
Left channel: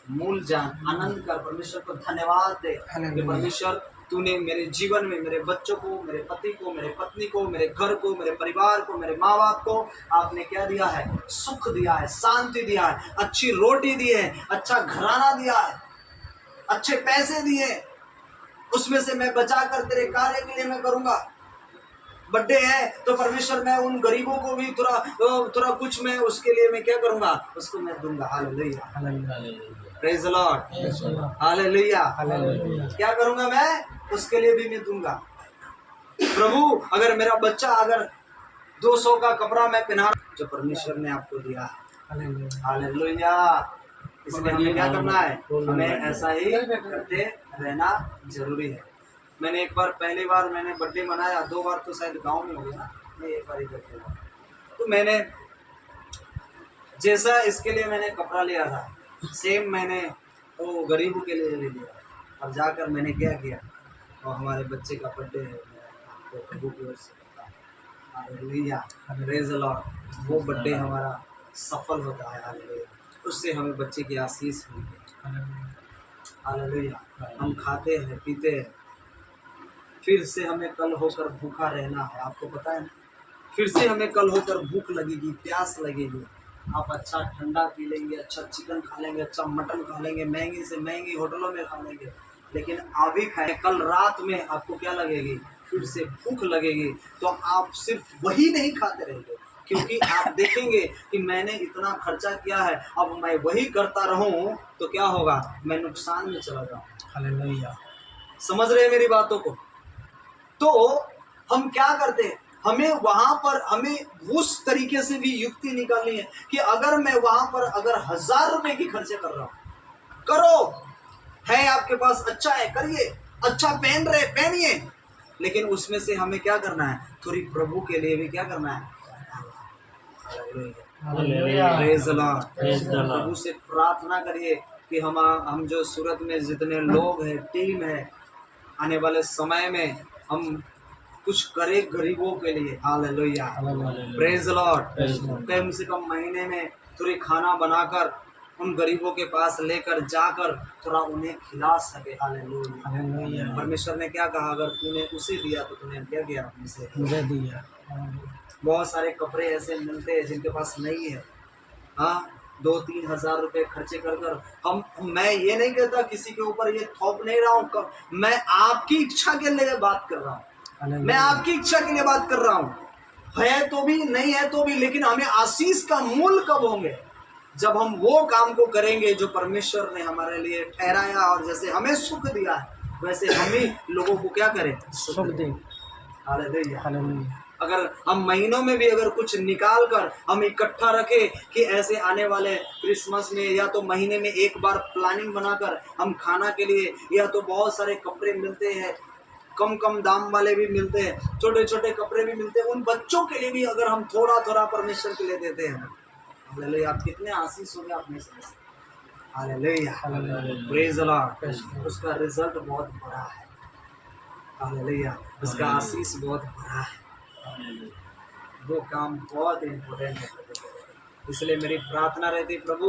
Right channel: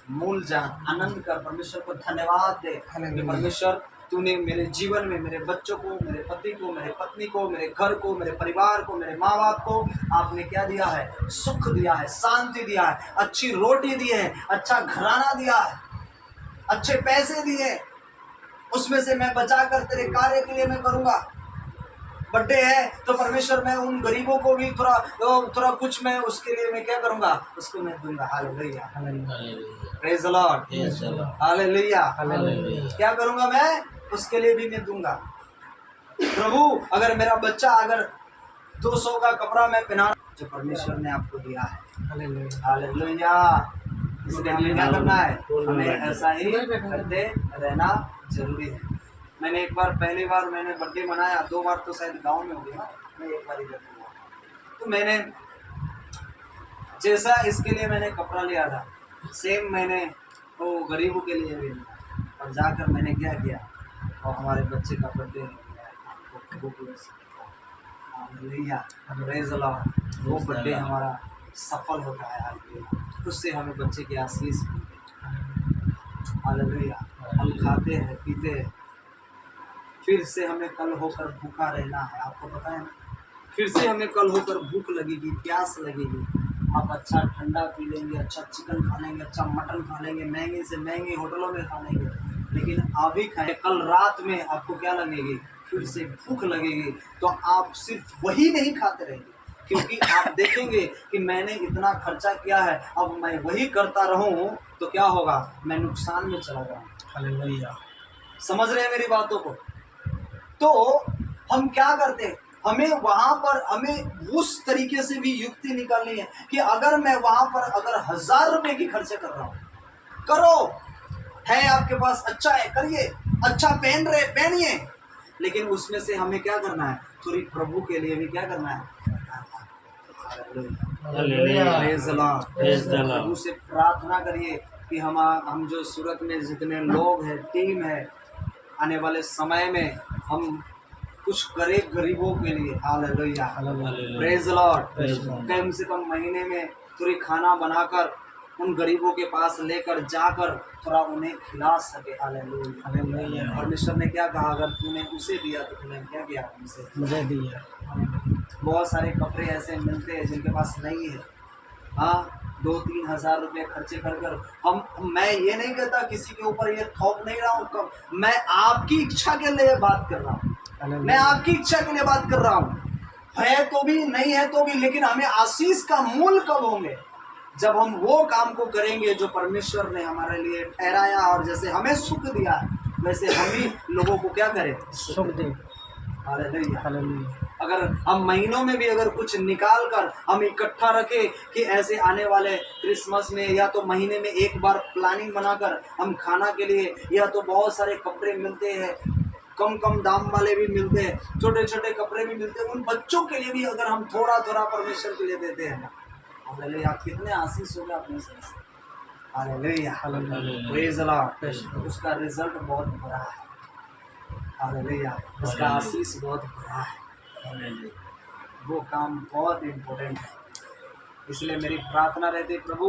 मूल जान, आनंद कर, परमेश्वर को धन्यवाद दे कि परमेश्वर तूने मेरे जीवन में मेरे बच्चों को, मेरे पति को, मेरे पत्नी को, मेरे घर को, मेरे परिवार को, मेरे माँ बाप को आपने क्या दिया है? सुख दिया है, शांति दिया है, अच्छी रोटी दी है, अच्छा घराना दिया है, अच्छे पैसे दिए, उसमें से मैं बचा कर तेरे कार्य के लिए मैं करूँगा। बर्थडे है तो परमेश्वर मैं उन गरीबों को भी थोड़ा कुछ मैं उसके लिए मैं क्या करूँगा? उसको मैं दूंगा। Hallelujah, praise the Lord, hallelujah. क्या करूँगा मैं? उसके लिए भी मैं दूंगा। प्रभु अगर मेरा बच्चा अगर 200 का कपड़ा मैं पहना जो परमेश्वर ने आपको दिया है, हालेलुया, इसलिए हमें क्या करना है? हमें ऐसा ही करते रहना जरूरी है। मैंने एक बार, पहली बार मैंने बर्थडे मनाया, 2 बार तो शायद गांव में हो गया, मैं एक बार ही करके हुआ। तो मैंने जैसा इसके लिए मैंने कपड़ा लिया था, सेम मैंने वो गरीबों के लिए भी लिया, और जाकर मैंने क्या किया, और हमारे बच्चे का बर्थडे है, आपको प्रभु की ओर से हालेलुया, प्रेज द लॉर्ड, वो बर्थडे हमारा सफल होता है। हालेलुया, उससे हमें बच्चे की आशीष मिलती है। हालेलुया, हम खाते हैं, पीते हैं, फिर से हमें कल होकर भूखा रहना है। आपको पता है ना, फिर से हमें कल होकर भूख लगेगी, प्यास लगेगी। आप अच्छा ठंडा पी लेंगे, अच्छा चिकन खा लेंगे, अच्छा मटन खा लेंगे, महंगी से महंगी होटलों में खा लेंगे, लेकिन अभी खाए, कल रात में आपको क्या लगेगी? फिर से भूख लगेगी। तो आप सिर्फ वही नहीं खाते रहेंगे, क्योंकि आप देखेंगे कि मैंने इतना खर्चा किया है, अब मैं वही करता रहूं तो क्या होगा? मैं नुकसान में चला जाऊँ। हालेलुया, समझ रहे हैं मेरी बातों को? तो हम क्या करते हैं? हमें वहां पर हमें उस तरीके से भी युक्ति निकालनी है कि अगर मैं वहां पर अगर 1000 रुपए की खर्चे कर रहा हूं, करो, है आपके पास, अच्छा है, करिए, अच्छा पहन रहे पहनिए, लेकिन उसमें से हमें क्या करना है? थोड़ी प्रभु के लिए भी क्या करना है? प्रेज द लॉर्ड, प्रभु से प्रार्थना करिए कि हम जो सूरत में जितने लोग हैं, टीम है, आने वाले समय में हम कुछ करें गरीबों के लिए। Hallelujah, praise the lord. कम से कम महीने में थोड़ी खाना बनाकर उन गरीबों के पास लेकर जाकर थोड़ा उन्हें खिला सके। हालेलुया, परमेश्वर ने क्या कहा? अगर तूने उसे दिया तो तूने क्या किया? मुझे दिया। बहुत सारे कपड़े ऐसे मिलते हैं जिनके पास नहीं है, हाँ, 2-3 हज़ार रुपये खर्चे कर मैं ये नहीं कहता, किसी के ऊपर ये थोप नहीं रहा हूँ, मैं आपकी इच्छा के लिए बात कर रहा हूँ, मैं आपकी इच्छा के लिए बात कर रहा हूँ, है तो भी नहीं है तो भी, लेकिन हमें आशीष का मूल कब होंगे? जब हम वो काम को करेंगे जो परमेश्वर ने हमारे लिए ठहराया, और जैसे हमें सुख दिया है वैसे हम ही लोगों को क्या करें? सुख दें। हालेलुया। अगर हम महीनों में भी अगर कुछ निकाल कर हम इकट्ठा रखें कि ऐसे आने वाले क्रिसमस में, या तो महीने में एक बार प्लानिंग बनाकर हम खाना के लिए, या तो बहुत सारे कपड़े मिलते हैं, कम दाम वाले भी मिलते हैं, छोटे छोटे कपड़े भी मिलते हैं, उन बच्चों के लिए भी अगर हम थोड़ा थोड़ा परमेश्वर के लिए देते हैं ना, हालेलुया, आप कितने आशीष हो गए आप नहीं समझ सकते। हालेलुया, प्रेज द लॉर्ड, उसका रिजल्ट बहुत बड़ा है। हालेलुया, उसका आशीष बहुत बड़ा है। वो काम बहुत इम्पोर्टेंट है, इसलिए मेरी प्रार्थना रहती, प्रभु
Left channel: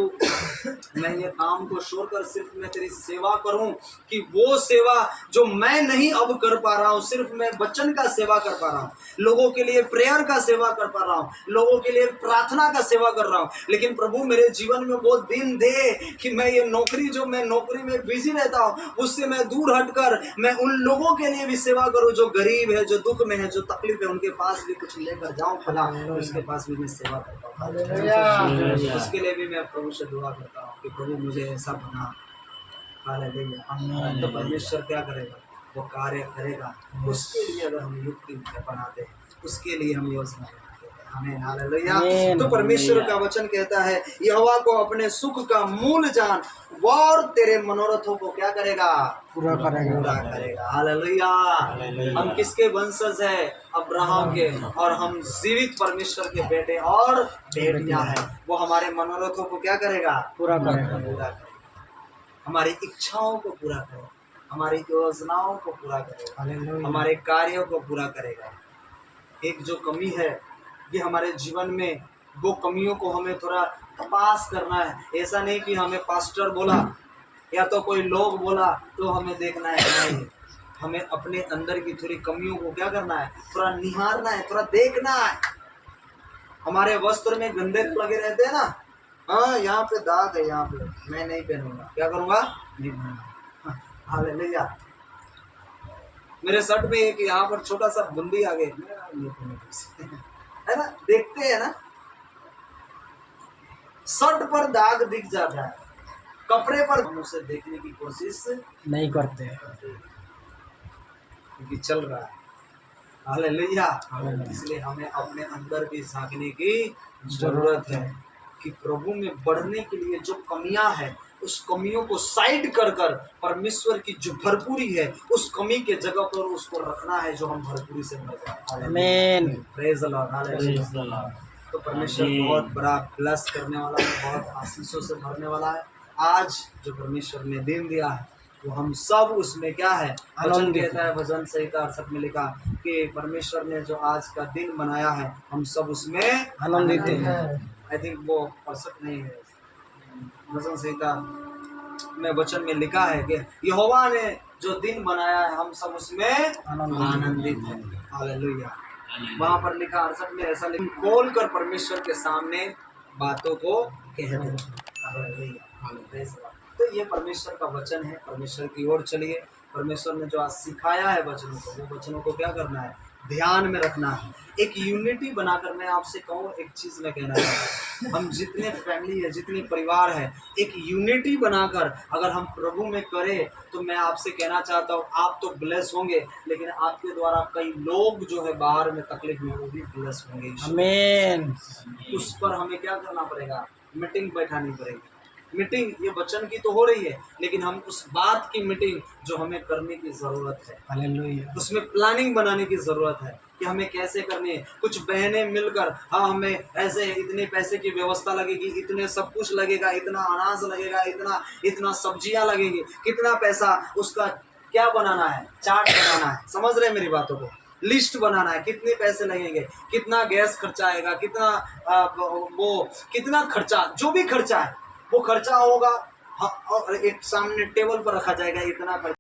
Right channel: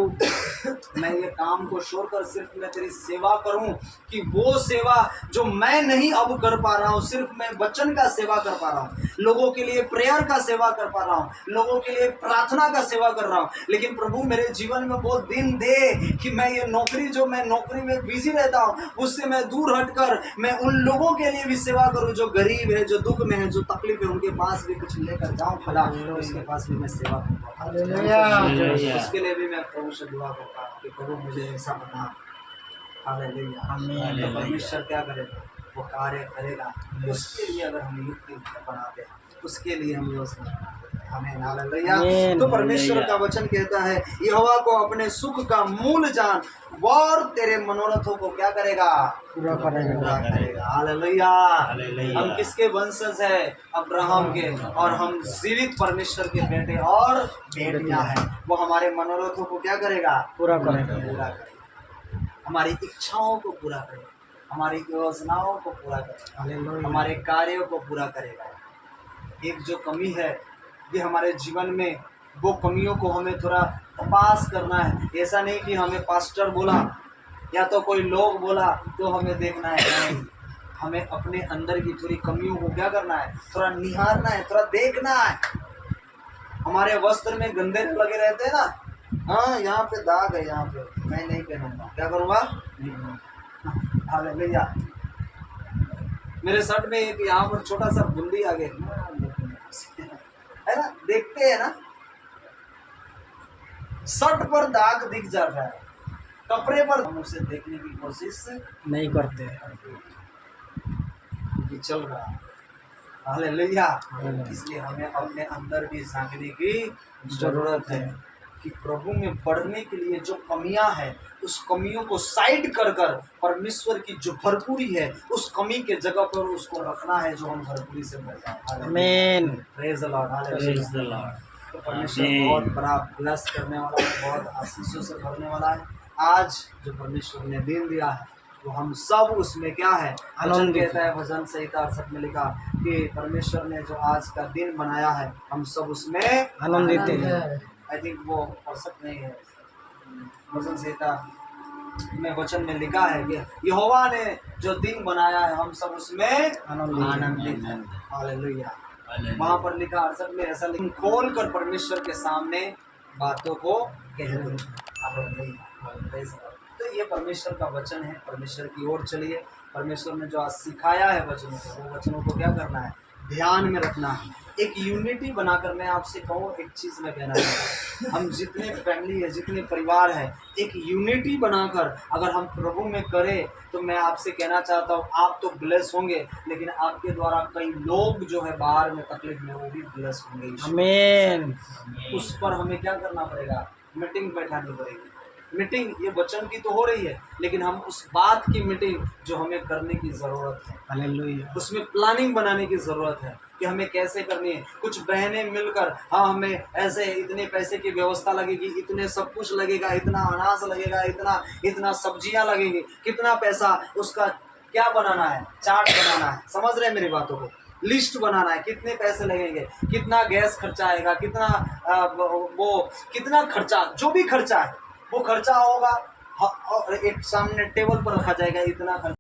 मैं ये काम को छोड़कर सिर्फ मैं तेरी सेवा करूं, कि वो सेवा जो मैं नहीं अब कर पा रहा हूं, सिर्फ मैं वचन का सेवा कर पा रहा हूं, लोगों के लिए प्रेयर का सेवा कर पा रहा हूं, लोगों के लिए प्रार्थना का सेवा कर रहा हूं, लेकिन प्रभु मेरे जीवन में वो दिन दे कि मैं ये नौकरी, जो मैं नौकरी में बिजी रहता हूं, उससे मैं दूर हटकर मैं उन लोगों के लिए भी सेवा करूं जो गरीब है, जो दुख में है, जो तकलीफ है, उनके पास भी कुछ लेकर जाऊं, फला उसके पास भी मैं सेवा कर पाऊं। उसके लिए भी मैं प्रभु से दुआ करता हूँ कि प्रभु मुझे ऐसा बना। हालेलुया, तो परमेश्वर क्या करेगा? वो कार्य करेगा। उसके लिए अगर हम युक्ति बनाते हैं, उसके लिए हम योजना बनाते हैं। आमीन, हालेलुया। तो परमेश्वर का वचन कहता है, यहोवा को अपने सुख का मूल जान, और तेरे मनोरथों को क्या करेगा? पूरा करेगा। हालेलुया। हम किसके वंशज है? अब्राहम के, और हम जीवित परमेश्वर के बेटे और बेटियां हैं। वो हमारे मनोरथों को क्या करेगा? पूरा करेगा। हमारी इच्छाओं को पूरा करेगा, हमारी योजनाओं को पूरा करेगा, हमारे कार्यों को पूरा करेगा। एक जो कमी है ये हमारे जीवन में, वो कमियों को हमें थोड़ा तपास करना है। ऐसा नहीं कि हमें पास्टर बोला या तो कोई लोग बोला तो हमें देखना है, नहीं, हमें अपने अंदर की थोड़ी कमियों को क्या करना है, थोड़ा निहारना है, थोड़ा देखना है। हमारे वस्त्र में गंदे लगे रहते हैं ना, हाँ यहाँ पे दाग है, यहाँ पे मैं नहीं पहनूंगा, क्या करूंगा, नहीं पहनूंगा। हालेलुया। मेरे शर्ट में एक यहाँ पर छोटा सा बूंदी आ गई है ना, देखते हैं ना, शर्ट पर दाग दिख जाता है, कपड़े पर हम उसे देखने की कोशिश नहीं करते। क्योंकि चल रहा है। हालेलुया। इसलिए हमें अपने अंदर भी झांकने की जरूरत है कि प्रभु में बढ़ने के लिए जो कमियां हैं उस कमियों को साइड कर कर परमेश्वर की जो भरपूरी है उस कमी के जगह पर उसको रखना है, जो हम भरपूरी से भर जाए। आमीन। Praise the Lord. हालेलुया। तो परमेश्वर बहुत बड़ा ब्लेस करने वाला है, बहुत आशीषों से भरने वाला है। आज जो परमेश्वर ने दिन दिया है वो हम सब उसमें क्या है, वचन कहता है, भजन संहिता 68 में लिखा कि परमेश्वर ने जो आज का दिन बनाया है हम सब उसमें आनंदित है। आई थिंक वो 68 नहीं है, भजन संहिता में वचन में लिखा है कि यहोवा ने जो दिन बनाया है हम सब उसमें आनंदित है। हालेलुया। वहां पर लिखा 68 में ऐसा लिखा, खोल कर परमेश्वर के सामने बातों को कह दो। हालेलुया। तो ये परमेश्वर का वचन है, परमेश्वर की ओर चलिए। परमेश्वर ने जो आज सिखाया है वचनों को, वो वचनों को क्या करना है, ध्यान में रखना है। एक यूनिटी बनाकर मैं आपसे कहूँ, एक चीज़ मैं कहना चाहता हूँ, हम जितने फैमिली है, जितने परिवार है, एक यूनिटी बनाकर अगर हम प्रभु में करें तो मैं आपसे कहना चाहता हूँ आप तो ब्लेस होंगे, लेकिन आपके द्वारा कई लोग जो है बाहर में तकलीफ में वो भी ब्लेस होंगे। आमीन। उस पर हमें क्या करना पड़ेगा, मीटिंग बैठानी पड़ेगी। मीटिंग ये वचन की तो हो रही है, लेकिन हम उस बात की मीटिंग जो हमें करने की ज़रूरत है, हालेलुया। उसमें प्लानिंग बनाने की ज़रूरत है कि हमें कैसे करनी है। कुछ बहनें मिलकर, हाँ हमें ऐसे इतने पैसे की व्यवस्था लगेगी, इतने सब कुछ लगेगा, इतना अनाज लगेगा, इतना सब्जियां लगेंगी, कितना पैसा, उसका क्या बनाना है, चार्ट बनाना है। समझ रहे हैं मेरी बातों को, लिस्ट बनाना है, कितने पैसे लगेंगे, कितना गैस खर्चा आएगा, कितना वो कितना खर्चा, जो भी खर्चा है वो खर्चा होगा, और एक सामने टेबल पर रखा जाएगा, इतना खर्चा